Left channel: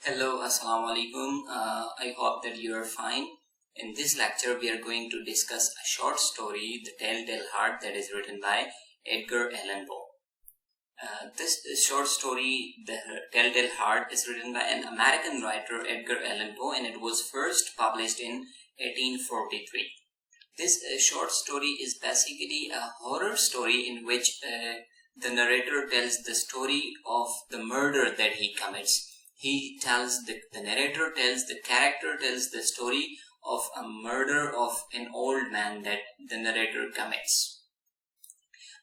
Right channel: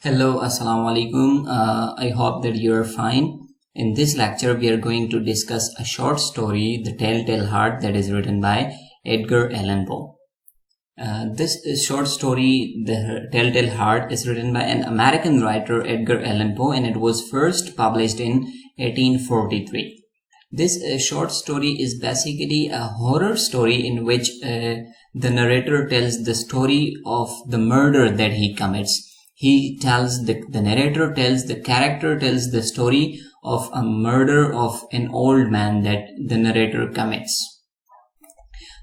Hello, Assalamu alaikum. I hope that you're fine. In this lecture, we are going to discuss a short story, The TellTale Heart, that is written by Edgar Allan Poe. This short story, The TellTale Heart, is written by an American writer, Edgar Allan Poe, and it was first published in 1843. This short story is basically a horror story in which the narrator tells the story of the murder that he commits. The narrator tells, the character tells the story of a murder of an old man that the narrator commits.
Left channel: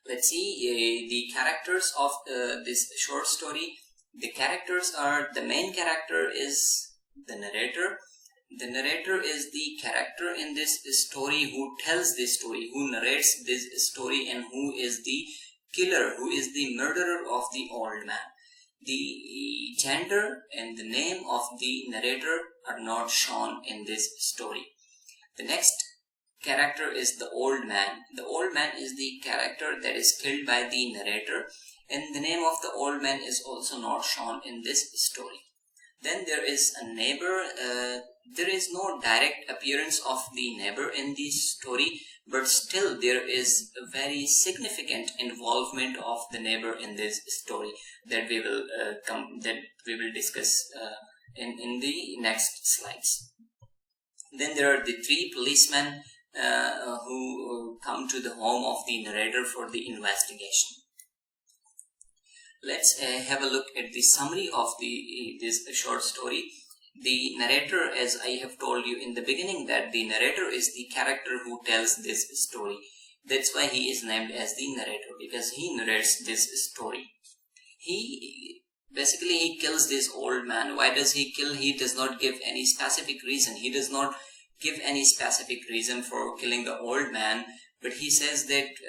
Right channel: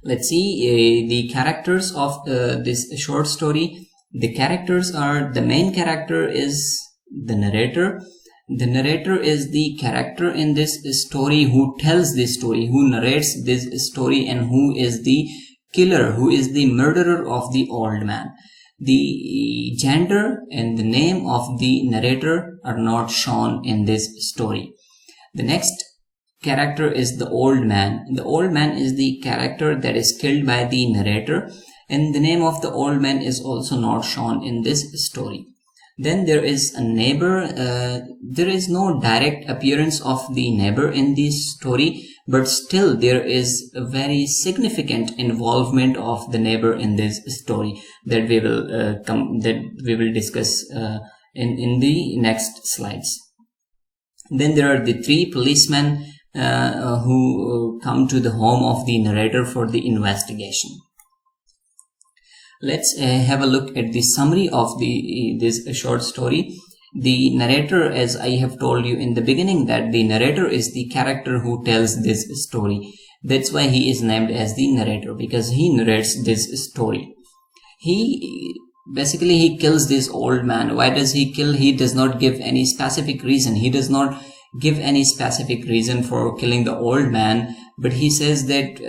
Let's see the characters of this short story. The characters are, the main character is the narrator. The narrator is the character in this story who tells this story, who narrates this story, and who is the killer, who is the murderer of the old man. The gender and the name of the narrator are not shown in this story. The next character is the old man. The old man is the character that is killed by the narrator, and the name of the old man is also not shown in this story. Then there is a neighbor. There is no direct appearance of the neighbor in this story, but still there is a very significant involvement of the neighbor in this story that we will discuss in the next slides. Then there are the three policemen who come to the home of the narrator for the investigation. Let's have a look at the summary of this short story. The narrator, as I have told you in the beginning, that the narrator is the character who tells this story. That's why he is named as the narrator, because he narrates this story. He kills this old man. Why does he kill? He does not give any specific reason. He does not give any specific reason for killing the old man, but he says that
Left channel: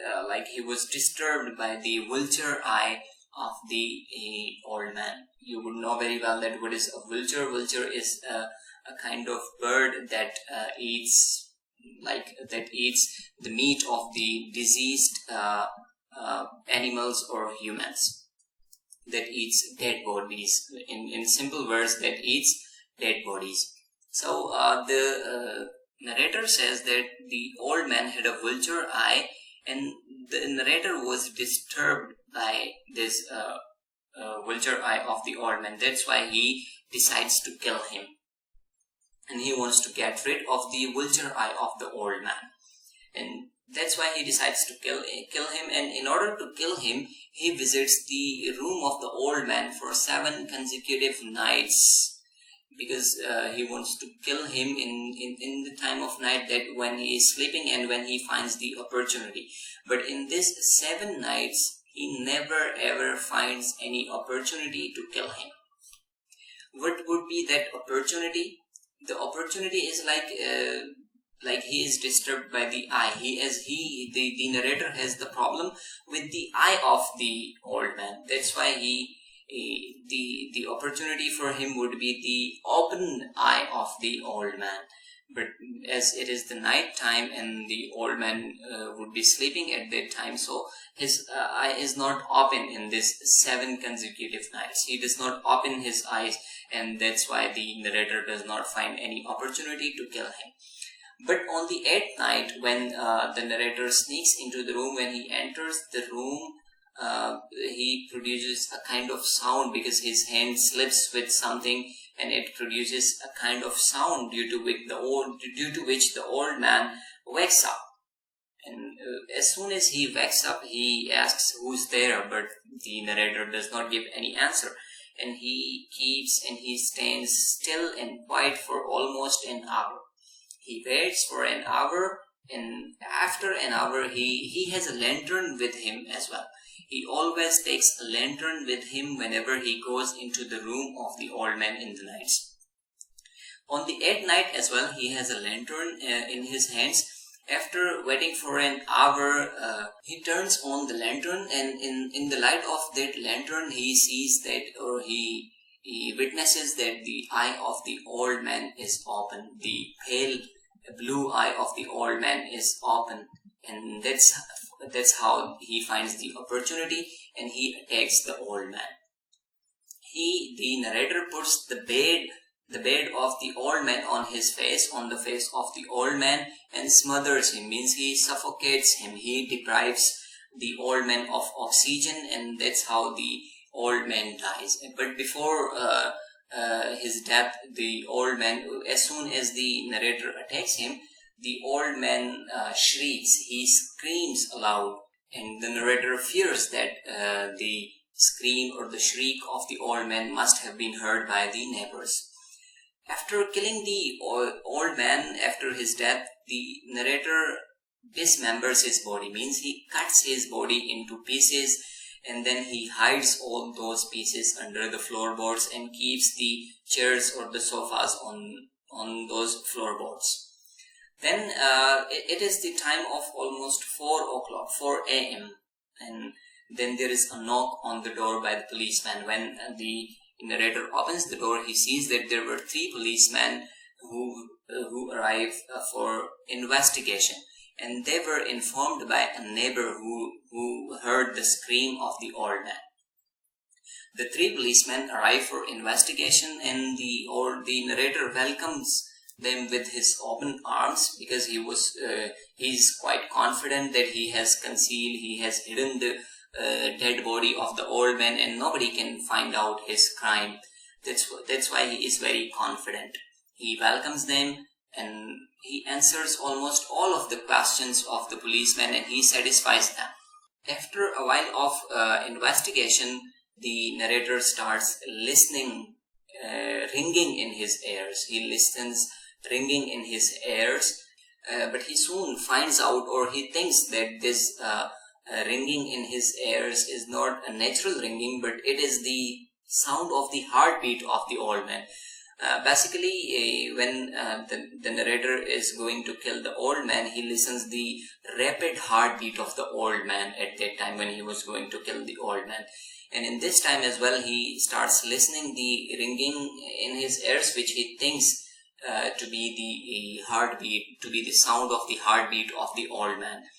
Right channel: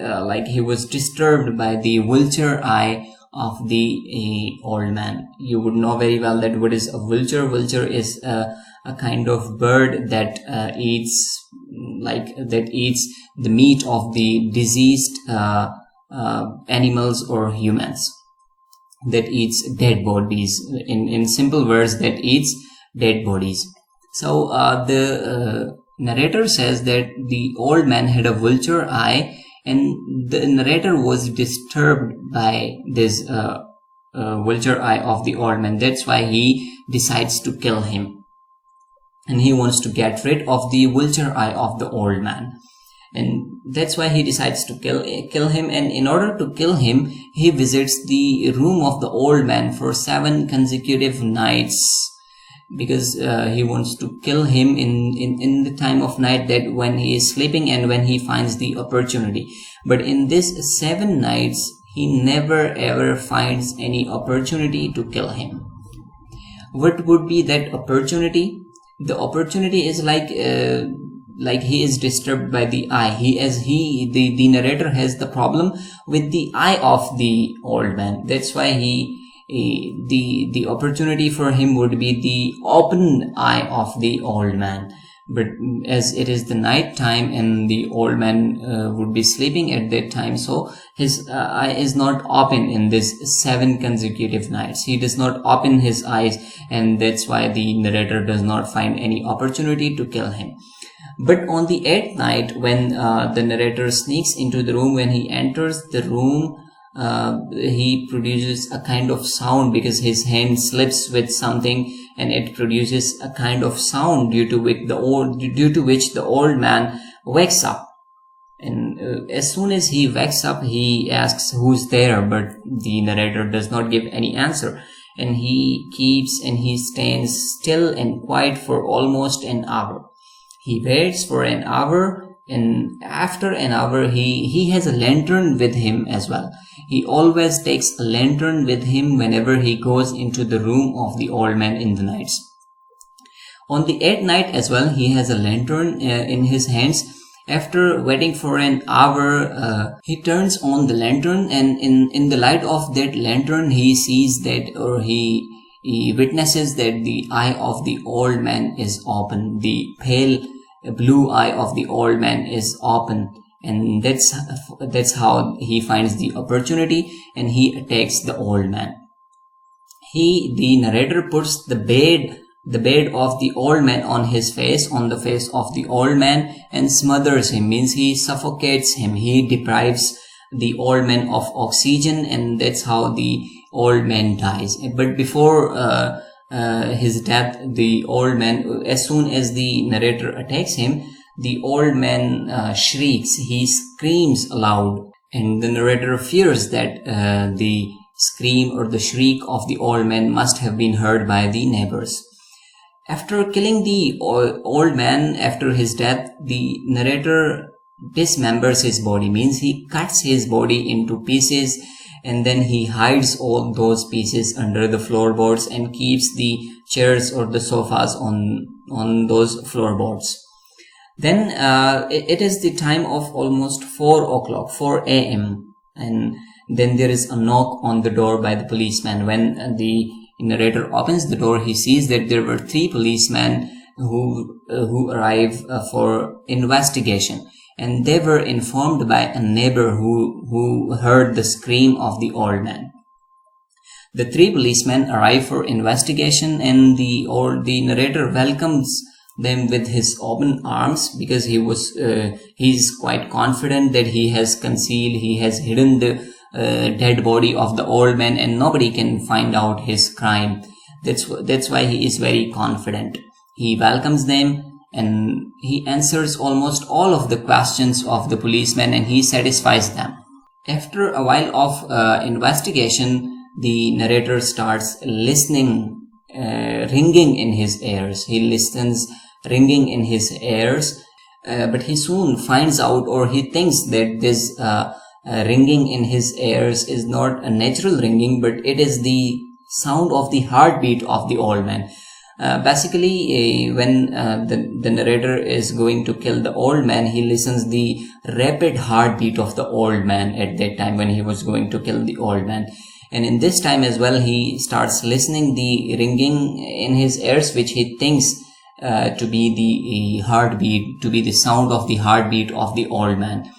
he was disturbed by the vulture eye of the old man. You would know very well that what is a vulture. Vulture is a kind of bird that eats the meat of the deceased animals or humans, that eats dead bodies. In simple words, that eats dead bodies. So the narrator says that the old man had a vulture eye, and the narrator was disturbed by this vulture eye of the old man. That's why he decides to kill him, and he wants to get rid of the vulture eye of the old man, and that's why he decides to kill him. And in order to kill him, he visits the room of the old man for 7 consecutive nights, because he wants to kill him in the time of night, that when he is sleeping and when he finds the opportunity. But in this 7 nights, he never ever finds any opportunity to kill him. What would be that opportunity? The opportunity is like he is disturbed by the eye. The narrator has the problem with the eye of the old man. That's why the opportunity for him would be the open eye of the old man. But as it is the night time and the old man would be sleeping at that time, so his eye is not open in this 7 consecutive nights. He does not open his eyes, and that's why the narrator does not find any opportunity to kill him. But on the 8th night, when the narrator sneaks into the room, when he enters the room, he produces a kind of sound, because his hand slips with something, and it produces a kind of sound due to which the old man wakes up. And as soon as he wakes up, he asks who's there, but the narrator does not give any answer, and he stands still and quiet for almost an hour. He waits for an hour, and after an hour he has a lantern with him as well. He always takes a lantern with him whenever he goes into the room of the old man in the nights. On the 8th night as well, he has a lantern in his hands. After waiting for an hour, he turns on the lantern, and in the light of that lantern, he sees that, or he witnesses that the eye of the old man is open. The pale blue eye of the old man is open, and that's how he finds the opportunity, and he attacks the old man. the narrator puts the bed of the old man on the face of the old man, and smothers him, means he suffocates him. He deprives the old man of oxygen, and that's how the old man dies. But before his death, the old man, as soon as the narrator attacks him, the old man shrieks, he screams aloud, and the narrator fears that the scream or the shriek of the old man must have been heard by the neighbors. After killing the old man, after his death, the narrator dismembers his body, means he cuts his body into pieces, and then he hides all those pieces under the floorboards and keeps the chairs or the sofas on those floorboards. Then it is the time of almost 4 a.m. and then there is a knock on the door by the policeman. When the narrator opens the door, he sees that there were 3 policemen who arrive for investigation, and they were informed by a neighbor who heard the scream of the old man. The 3 policemen arrive for investigation, and the narrator welcomes them with his open arms, because he's quite confident that he has hidden the dead body of the old man, and nobody can find out his crime. That's why he is very confident. He welcomes them, and he answers almost all of the questions of the policemen, and he satisfies them. After a while of investigation, the narrator starts listening, ringing in his ears. He listens ringing in his ears, but he soon finds out, or he thinks that this ringing in his ears is not a natural ringing, but it is the sound of the heartbeat of the old man. Basically, when the narrator is going to kill the old man, he listens the rapid heartbeat of the old man at that time when he was going to kill the old man. And in this time as well, he starts listening the ringing in his ears, which he thinks to be the heartbeat, to be the sound of the heartbeat of the old man.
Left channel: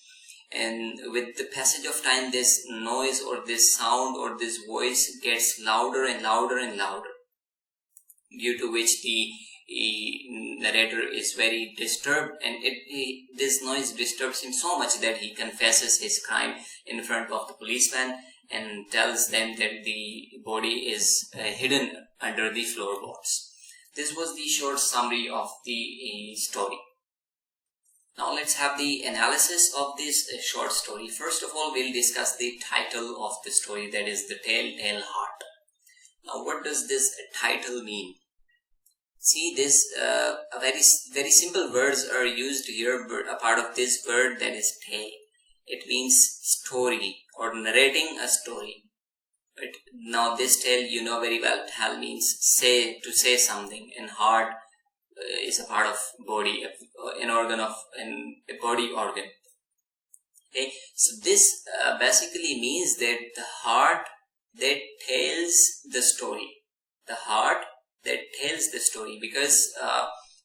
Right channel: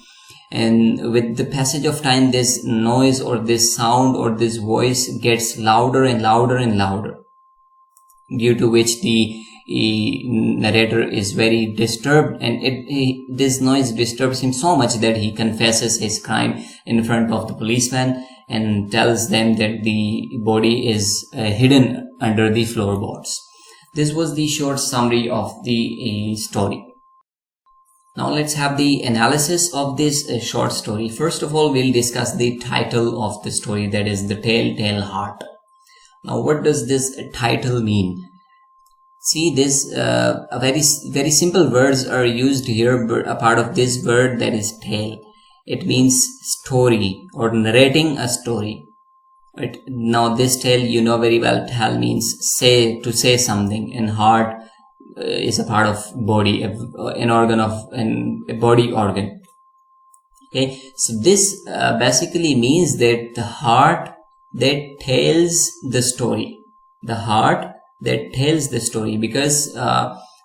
And with the passage of time, this noise or this sound or this voice gets louder and louder and louder, due to which the narrator is very disturbed, and this noise disturbs him so much that he confesses his crime in front of the policeman and tells them that the body is hidden under the floorboards. This was the short summary of the story. Now let's have the analysis of this short story. First of all, we'll discuss the title of the story, that is the TellTale Heart. Now, what does this title mean? See, this very simple words are used here, but a part of this word, that is tale. It means story or narrating a story. Right? Now, this tale, you know very well, tell means to say something, and heart is a part of body, an organ of a body organ. Okay, so this basically means that the heart that tells the story, the heart that tells the story, because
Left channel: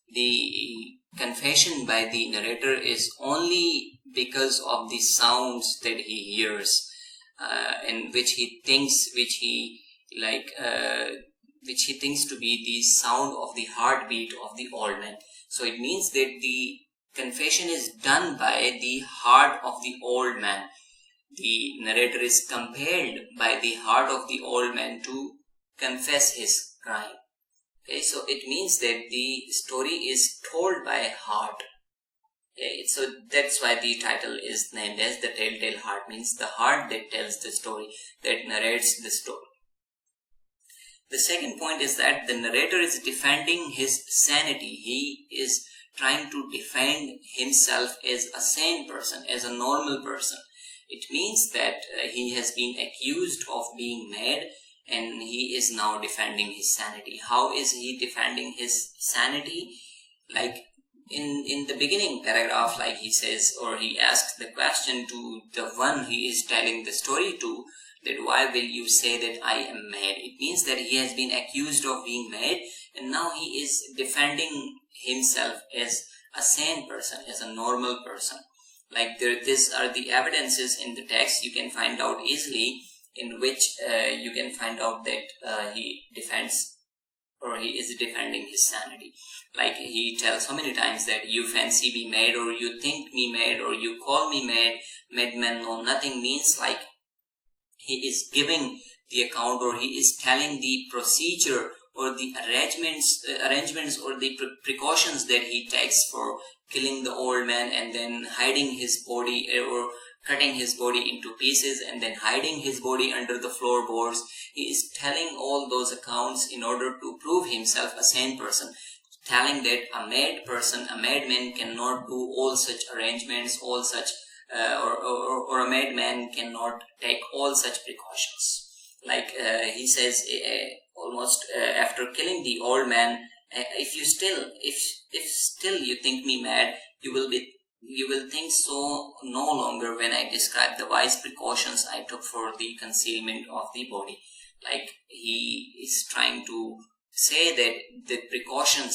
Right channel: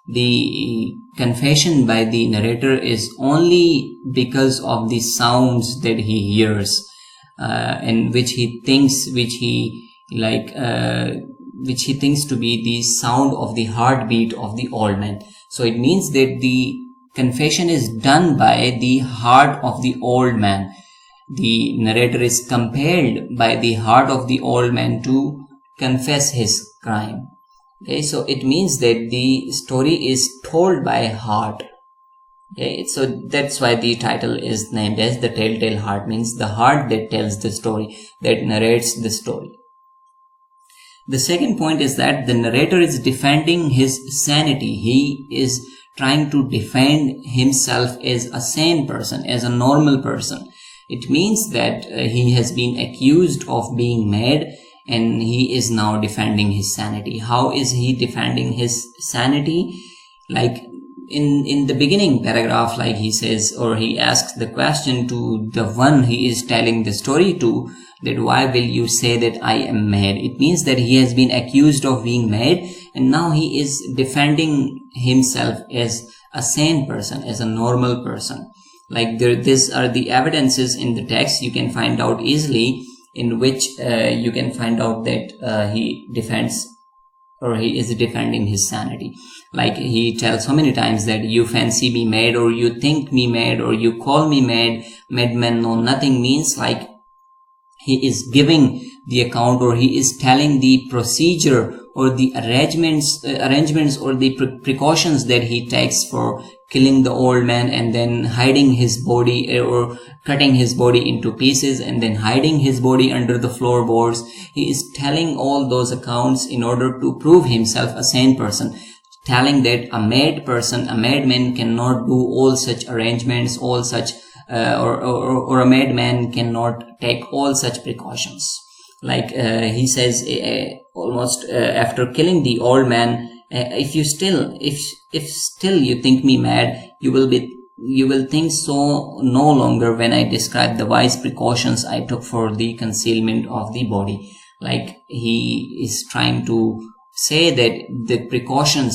the confession by the narrator is only because of the sounds that he hears, and which he thinks to be the sound of the heartbeat of the old man. So it means that the confession is done by the heart of the old man. The narrator is compelled by the heart of the old man to confess his crime. Okay, so it means that the story is told by heart. Okay, so that's why the title is named as the TellTale Heart, means the heart that tells the story, that narrates the story. The second point is that the narrator is defending his sanity. He is trying to defend himself as a sane person, as a normal person. It means that he has been accused of being mad, and he is now defending his sanity. How is he defending his sanity? Like in the beginning paragraph, like he says, or he asks the question to the one he is telling the story to, that why will you say that I am mad? It means that he has been accused of being mad, and now he is defending himself as a sane person, as a normal person. Like these are the evidences in the text, you can find out easily. in which you can find out that he defends, or he is defending his sanity. Like he tells so many times that you fancy me mad, or you think me mad, or you call me mad. Madman know nothing means like he is giving the account, or he is telling the procedure or the arrangements or the precautions that he takes for killing the old man, and then hiding his body, or cutting his body into pieces and then hiding his body under the floorboards. He is telling all those accounts in order to prove himself a sane person, telling that a mad person, a madman cannot do all such arrangements, all such or a madman cannot take all such precautions. Like he says almost after killing the old man, if still you think me mad, you will think so no longer when I describe the wise precautions I took for the concealment of the body. Like he is trying to say that the precautions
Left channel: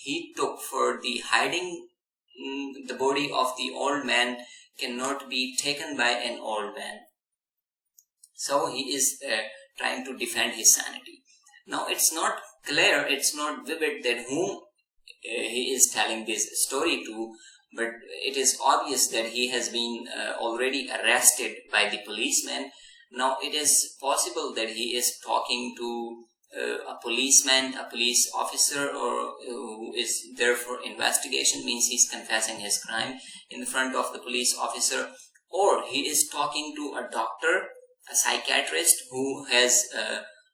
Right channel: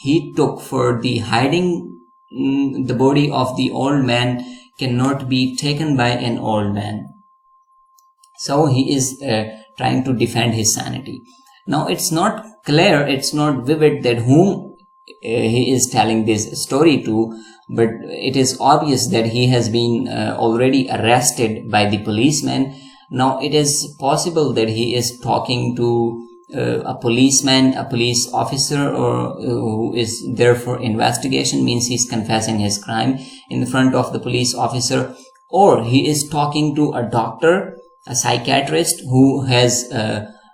he took for the hiding the body of the old man cannot be taken by an old man. So he is trying to defend his sanity. Now it's not clear, it's not vivid that whom he is telling this story to, but it is obvious that he has been already arrested by the policeman. Now it is possible that he is talking to a policeman, a police officer, or who is there for investigation, means he's confessing his crime in front of the police officer, or he is talking to a doctor, a psychiatrist who has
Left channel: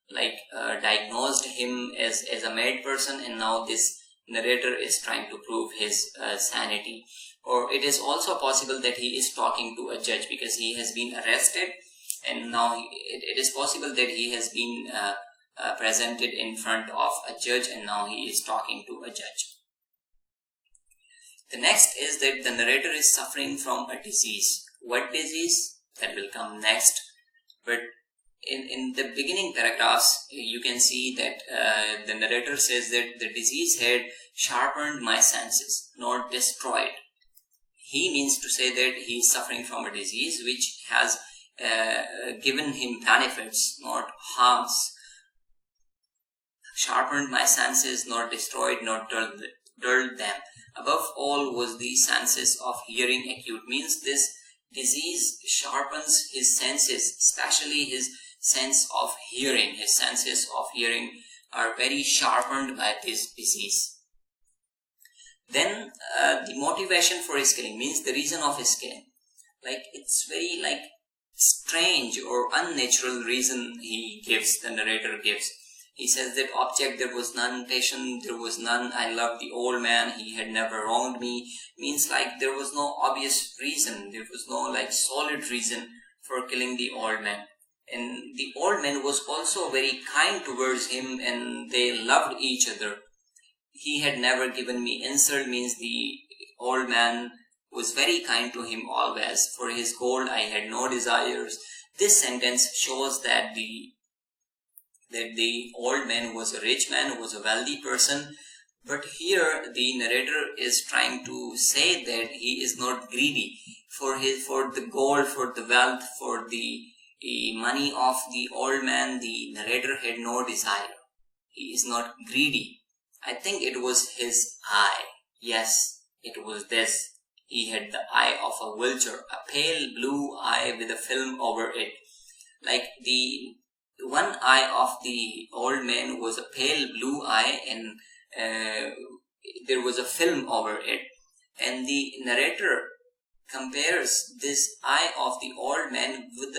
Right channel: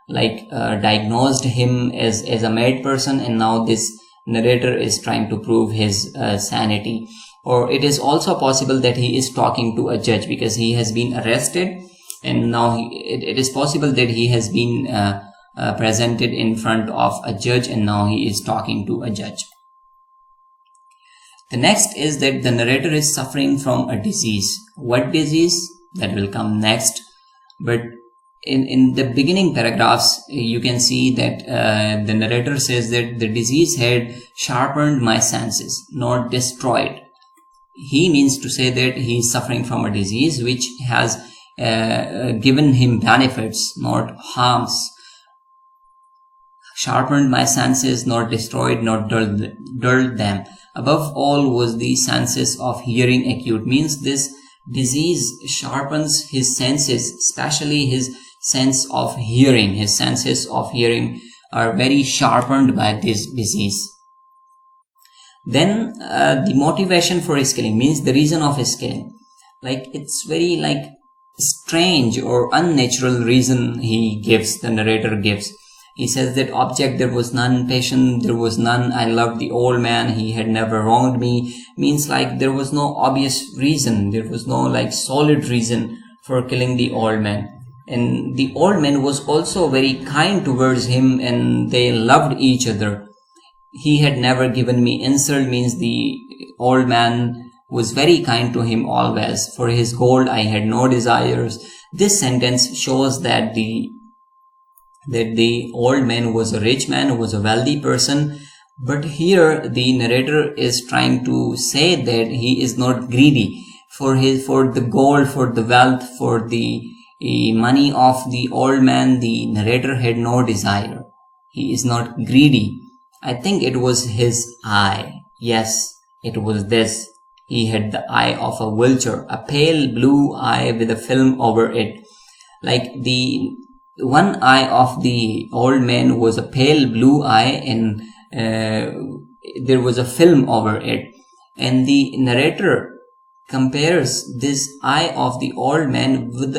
diagnosed him as a mad person, and now this narrator is trying to prove his sanity. Or it is also possible that he is talking to a judge, because he has been arrested, and now it is possible that he has been presented in front of a judge, and now he is talking to a judge. The next is that the narrator is suffering from a disease. What disease? That will come next. But in the beginning paragraphs, you can see that the narrator says that the disease had sharpened my senses, not destroyed. He means to say that he is suffering from a disease which has given him benefits, not harms. Sharpened my senses, not destroyed, not dulled them. Above all was the senses of hearing acute, means this disease sharpens his senses, especially his sense of hearing. His senses of hearing are very sharpened by this disease. Then the motivation for his killing, means the reason of his killing. Like it's very strange or unnatural reason the narrator gives. He says that object there was none, patient there was none, I loved the old man, he had never wronged me. Means there was no obvious reason, there was no solid reason for killing the old man. And the old man was also very kind towards him, and they loved each other. He had never given me insult, means the old man was very kind to him always. For his gold I had no desires. This sentence shows that the old man was a rich man, was a wealthy person. But here the narrator is trying to say that he is not greedy for the gold, for the wealth, for the money of the old man. The narrator had no desire. He is not greedy. I think it was his eye. Yes, it was this. He had the eye of a vulture, a pale blue eye with a film over it. Like the one eye of the old man was a pale blue eye, and there was a film over it. And the narrator compares this eye of the old man with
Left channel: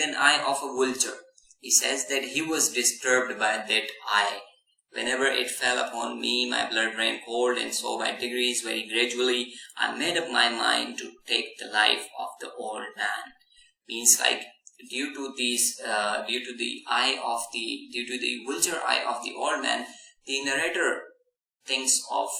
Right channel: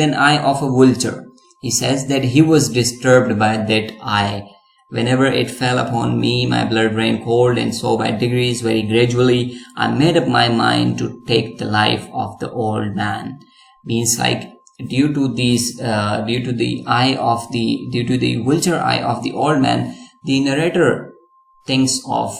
an eye of a vulture. He says that he was disturbed by that eye. Whenever it fell upon me, my blood ran cold, and so by degrees, very gradually, I made up my mind to take the life of the old man. Means due to the vulture eye of the old man, the narrator thinks of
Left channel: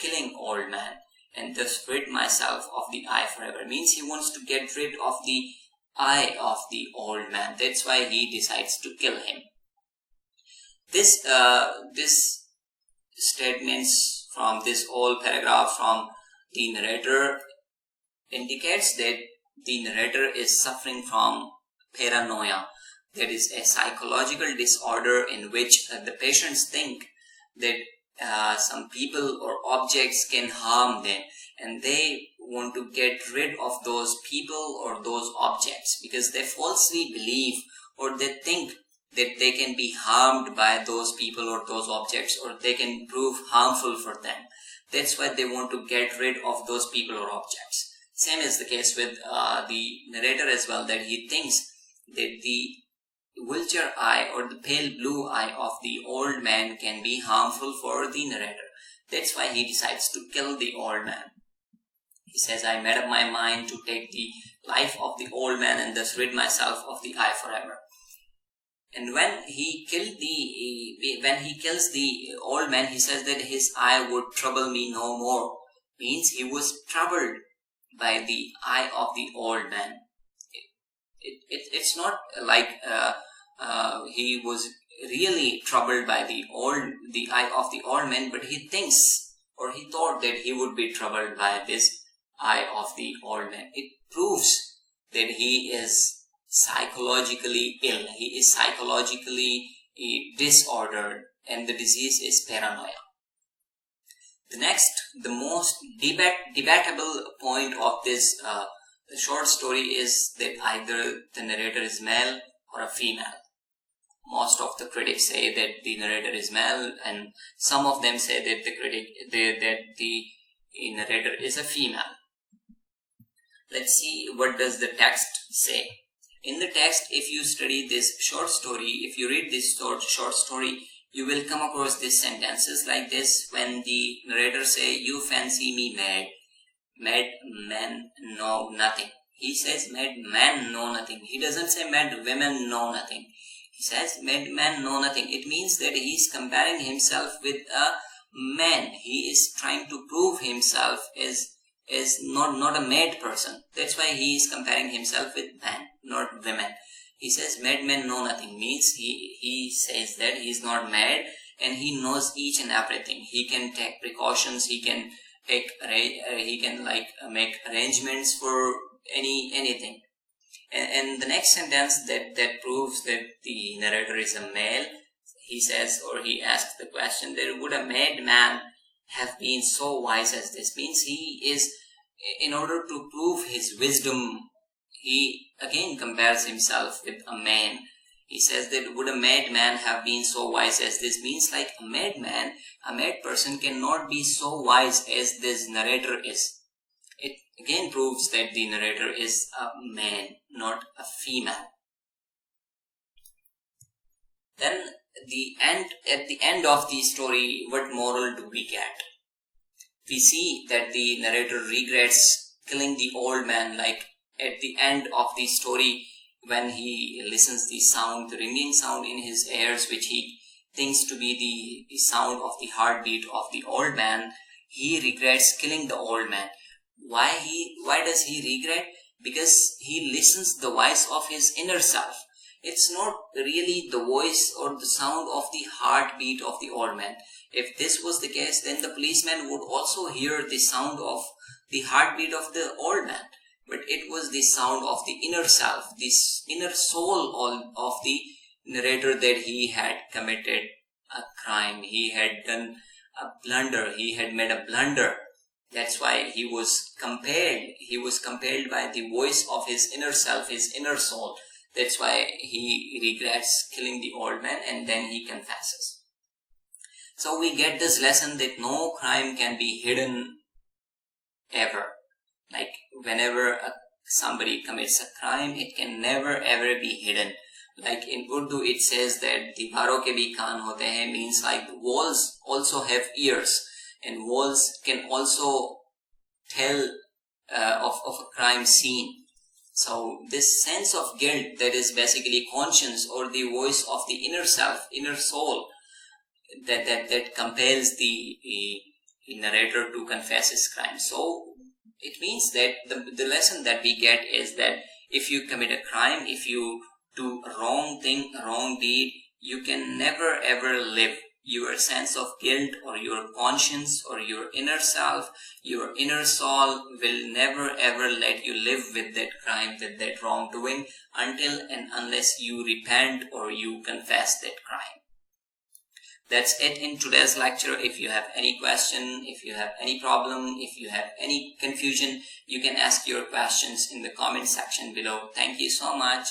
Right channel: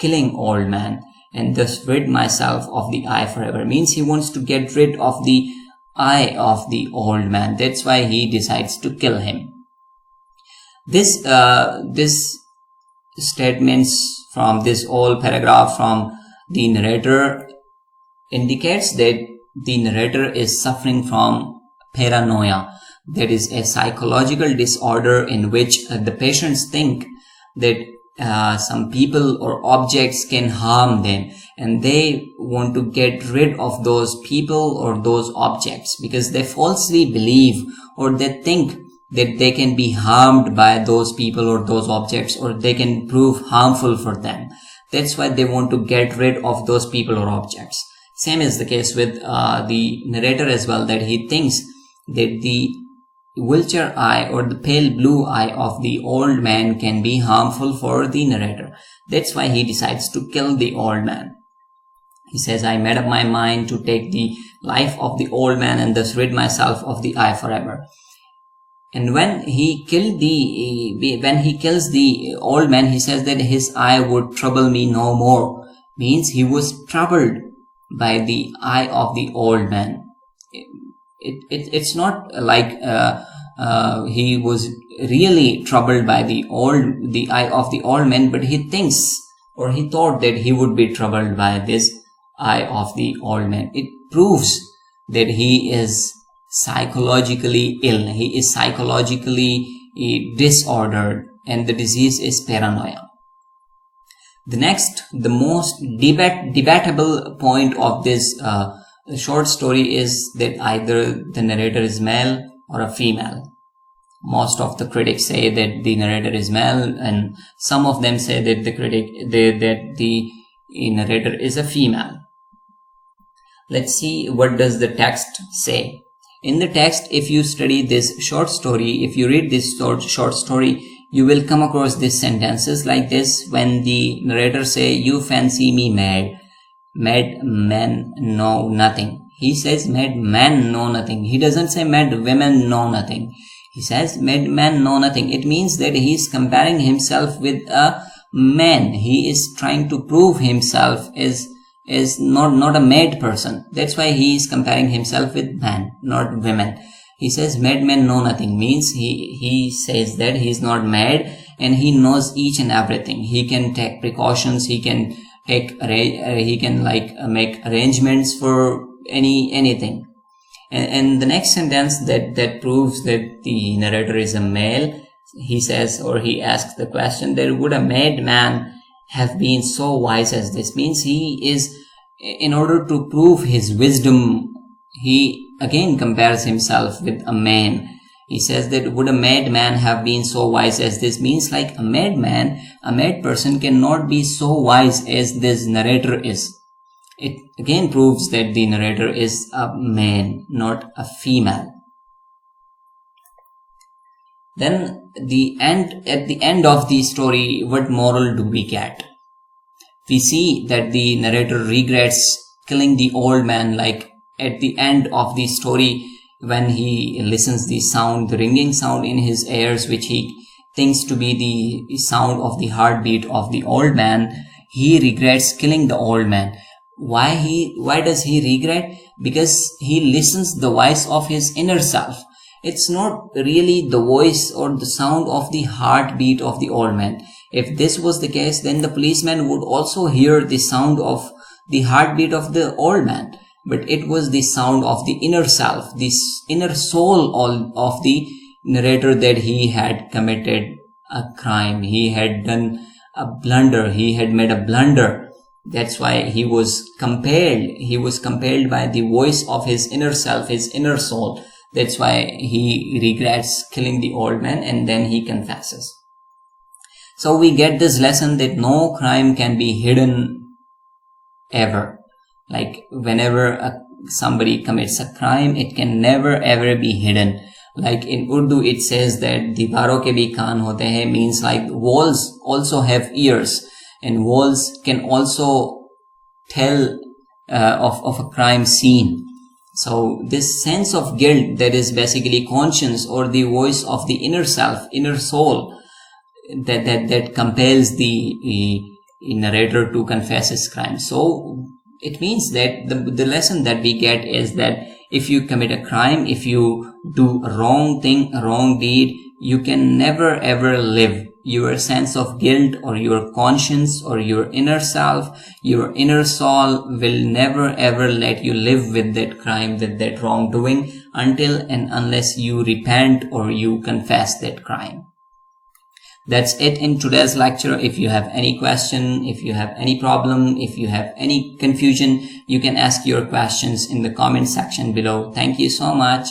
killing old man and thus rid myself of the eye forever. Means he wants to get rid of the eye of the old man. That's why he decides to kill him. This statements from this whole paragraph from the narrator indicates that the narrator is suffering from paranoia. That is a psychological disorder in which the patients think that some people or objects can harm them, and they want to get rid of those people or those objects because they falsely believe or they think that they can be harmed by those people or those objects, or they can prove harmful for them. That's why they want to get rid of those people or objects. Same is the case with the narrator as well, that he thinks that the vulture eye or the pale blue eye of the old man can be harmful for the narrator. That's why he decides to kill the old man. He says, I made up my mind to take the life of the old man and thus rid myself of the eye forever. And when he kills the old man, he says that his eye would trouble me no more. Means he was troubled by the eye of the old man. It's not like he was really troubled by the eye of the old man, but he thinks or he thought that he would be troubled by this eye of the old man. It proves that he is psychologically ill. He is psychologically disordered, and the disease is paranoia. The most debatable point of this short story is that either the narrator is male or a female. Most of the critics say that the narrator is male, and some of them say that the narrator is a female. Let's see what does the text say. In the text, if you study this short story, if you read this short story, you will come across these sentences like this. When the narrator say, you fancy me mad, mad men know nothing. He says mad men know nothing. He doesn't say mad women know nothing. He says mad men know nothing. It means that he is comparing himself with a man. He is trying to prove himself as not a mad person. That's why he is comparing himself with man, not women. He says madmen know nothing, means he says that he is not mad and he knows each and everything. He can take precautions, he can make arrangements for anything. And the next sentence that proves that the narrator is a male, he says, or he asks the question, that would a madman have been so wise as this? Means he is, in order to prove his wisdom, he again compares himself with a man. He says that would a madman have been so wise as this? Means like a madman, a mad person cannot be so wise as this narrator is. It again proves that the narrator is a man, not a female. Then at the end of the story, what moral do we get? We see that the narrator regrets killing the old man, like at the end of the story, when he listens the sound, the ringing sound in his ears, which he thinks to be the sound of the heartbeat of the old man, he regrets killing the old man. Why does he regret? Because he listens the voice of his inner self. It's not really the voice or the sound of the heartbeat of the old man. If this was the case, then the policeman would also hear the sound of the heartbeat of the old man. But it was the sound of the inner self, this inner soul of the narrator, that he had committed a crime. He had done a blunder. He had made a blunder. That's why he was compelled. He was compelled by the voice of his inner self, his inner soul. That's why he regrets killing the old man, and then he confesses. So we get this lesson that no crime can be hidden ever. Like whenever somebody commits a crime, it can never ever be hidden. Like in Urdu, it says that "Diwaron ke bhi kaan hote hain," means like walls also have ears, and walls can also tell of a crime scene. So this sense of guilt, that is basically conscience or the voice of the inner self, inner soul, that compels the narrator to confess his crime. So it means that the lesson that we get is that if you commit a crime, if you do a wrong thing, a wrong deed, you can never ever live. Your sense of guilt or your conscience or your inner self, your inner soul will never ever let you live with that crime, with that wrongdoing, until and unless you repent or you confess that crime. That's it in today's lecture. If you have any question, if you have any problem, if you have any confusion, you can ask your questions in the comment section below. Thank you so much.